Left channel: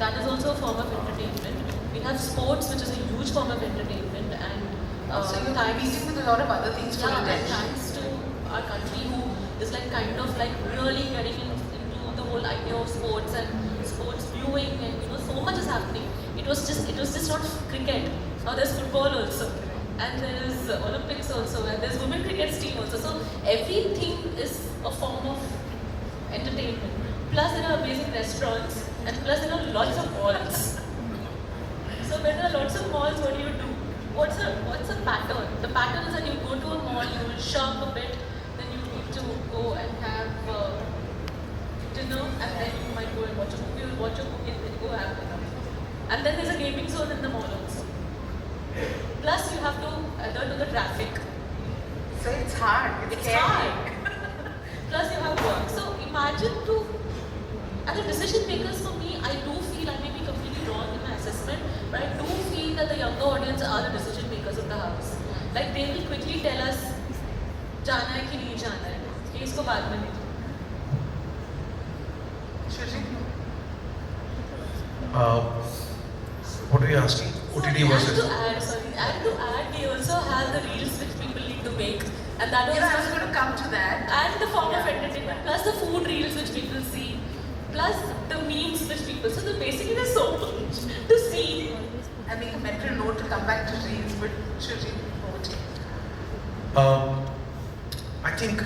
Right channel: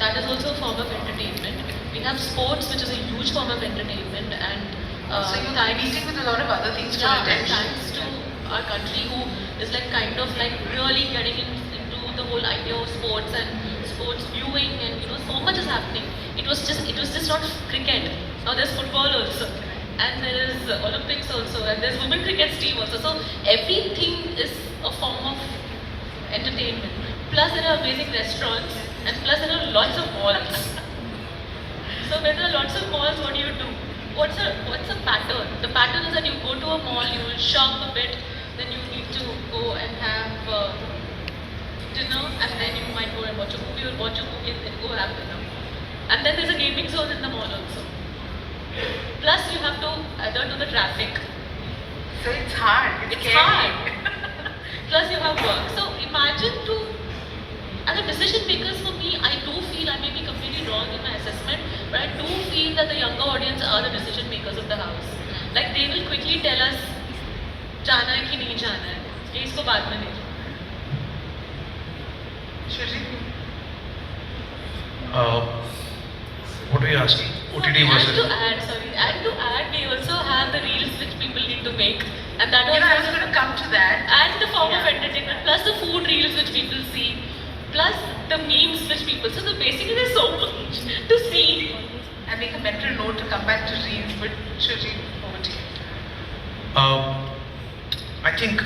that is also a form of entertainment. We have sports, which is a huge form of entertainment, and so you're competing with a lot of other things for attention. Thanks to our country, who is like kind of like really getting into the whole idea of sports and sports viewing, and so much is happening. It was just not cricket. Now there's football also, and there is Olympics also, and there's women cricket team also. So everything is a form of entertainment. Plus there are amazing restaurants, and plus there are lots of malls. So when there are lots of malls, what do? What's a pattern? The pattern is that you go to a mall, you will shop a bit, then you need to go and have dinner, and then you might go and watch a movie, and then go have dinner. And then there's a gaming zone in the mall also. Plus you have to adhere to the traffic. So it's hard. It's hard. Plus you have work. So imagine as a decision makers for me, I do feel, I may be completely wrong in my assessment, but I do feel that the younger audience are the decision makers of the house. Like they will quickly tell us, जाना है कि नहीं जाना है, ये इसको बाद में नहीं. What are you asking? OTT versus? And to add, we also have the reels which people need to make, and that I was going to come to that. And the form of entertainment, plus the food reels which people see, plus the memes which people. So basically, there's so much to see. I make a mental note to come back to reels, but Shruti, over to you. I think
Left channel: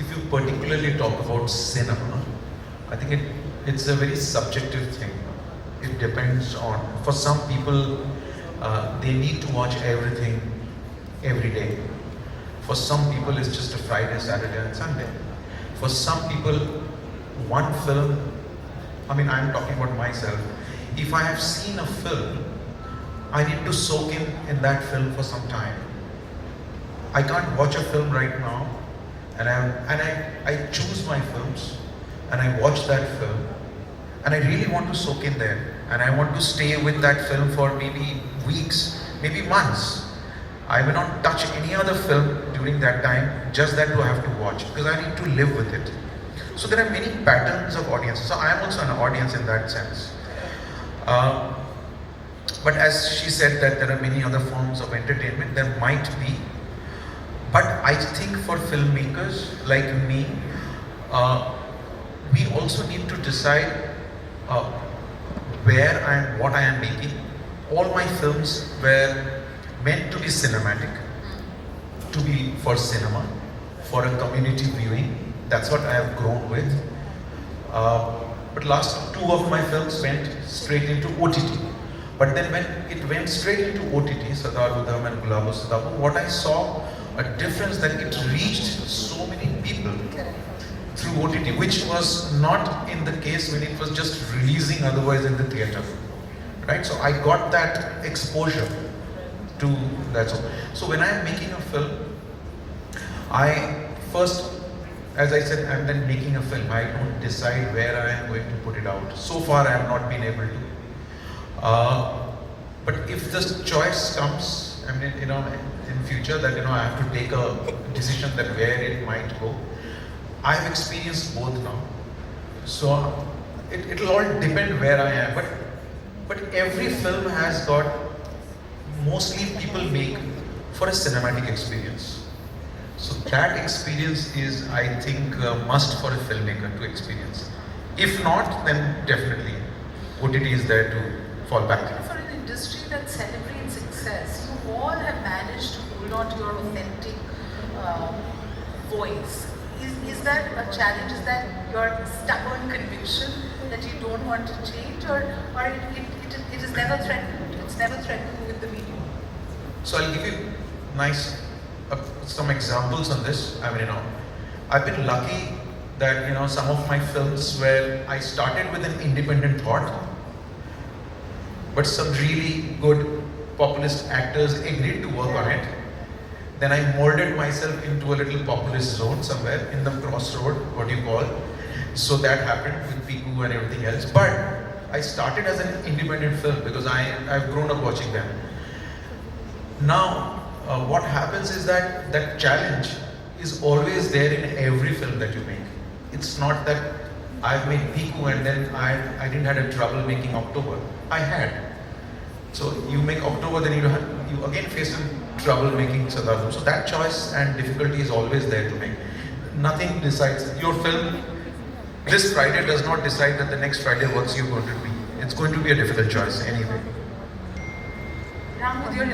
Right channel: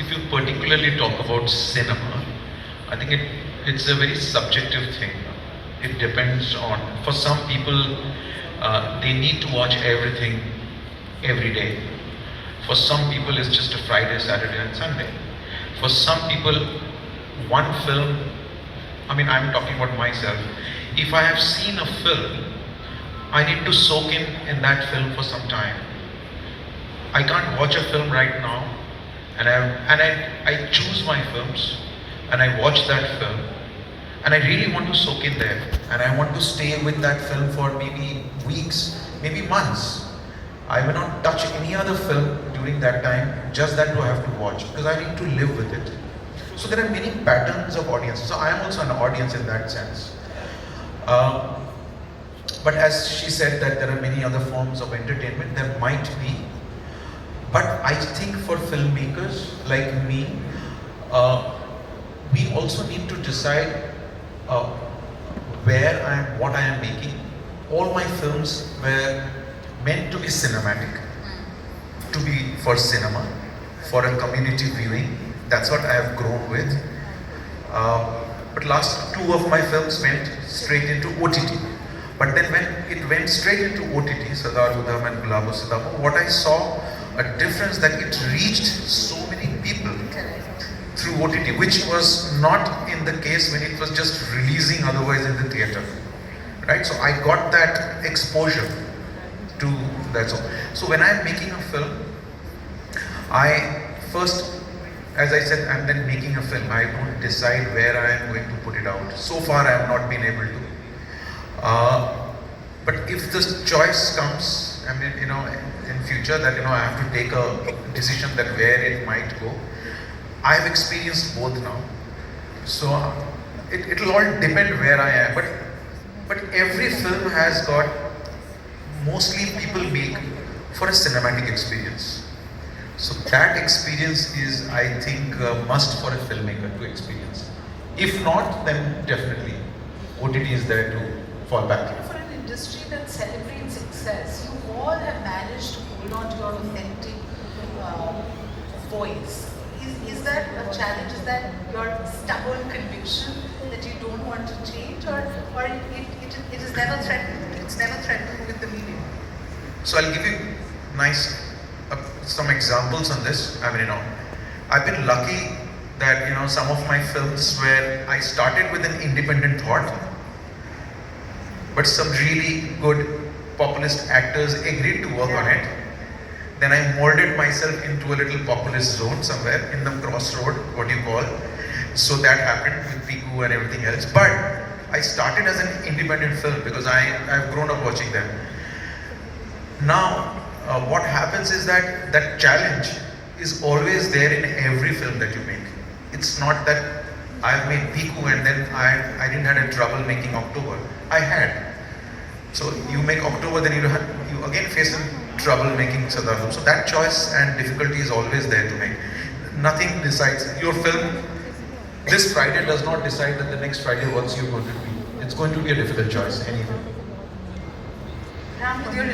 if you particularly talk about cinema, I think it's a very subjective thing. It depends on, for some people, they need to watch everything every day. For some people, it's just a Friday, Saturday, and Sunday. For some people, one film, I mean, I'm talking about myself. If I have seen a film, I need to soak in that film for some time. I can't watch a film right now, and I choose my films, and I watch that film, and I really want to soak in there, and I want to stay with that film for maybe weeks, maybe months. I will not touch any other film during that time, just that to have to watch, because I need to live with it. So there are many patterns of audiences. So I am also an audience in that sense. But as she said that there are many other forms of entertainment, there might be. But I think for filmmakers like me, we also need to decide where I am, what I am making. All my films were meant to be cinematic, to be for cinema, for a community viewing. That's what I have grown with. But last two of my films went straight into OTT. But then when it went straight into OTT, Sadar Udham and Gulabo Sadabo, what I saw a difference that it reached so many people through OTT, which was not in the case when it was just releasing otherwise in the theatre. Right? So I got that exposure to that. So when I am making a film, I first, as I said, I'm then making a film. I don't decide where I am going to put it out. So far I have not been able to. But if this choice comes, I mean, in future that, I have to take a decision that where it might go. I have experienced both now. So it'll all depend where I am. But every film has got, mostly people make for a cinematic experience. So that experience is, I think, a must for a filmmaker to experience. If not, then definitely OTT is there to fall back. For an industry that celebrates success, you all have managed to hold on to your authentic voice. Is that a challenge? Is that your stubborn conviction that you don't want to change, or it is never threatened? It's never threatened with the medium. So I'll give you some examples on this. I mean, I've been lucky that some of my films where I started with an independent thought, but some really good populist actors agreed to work on it. Then I molded myself into a little populist zone somewhere in the crossroad, what you call. So that happened with Piku and everything else. But I started as an independent film because I've grown up watching them. Now, what happens is that challenge is always there in every film that you make. It's not that I've made Piku and then I didn't had a trouble making October. I had. So you make October, then you again face trouble making Sadhu. So that choice and difficulty is always there to make. Nothing decides. Your film, this Friday does not decide that the next Friday what's you going to be. It's going to be a difficult choice anyway. Ram, with your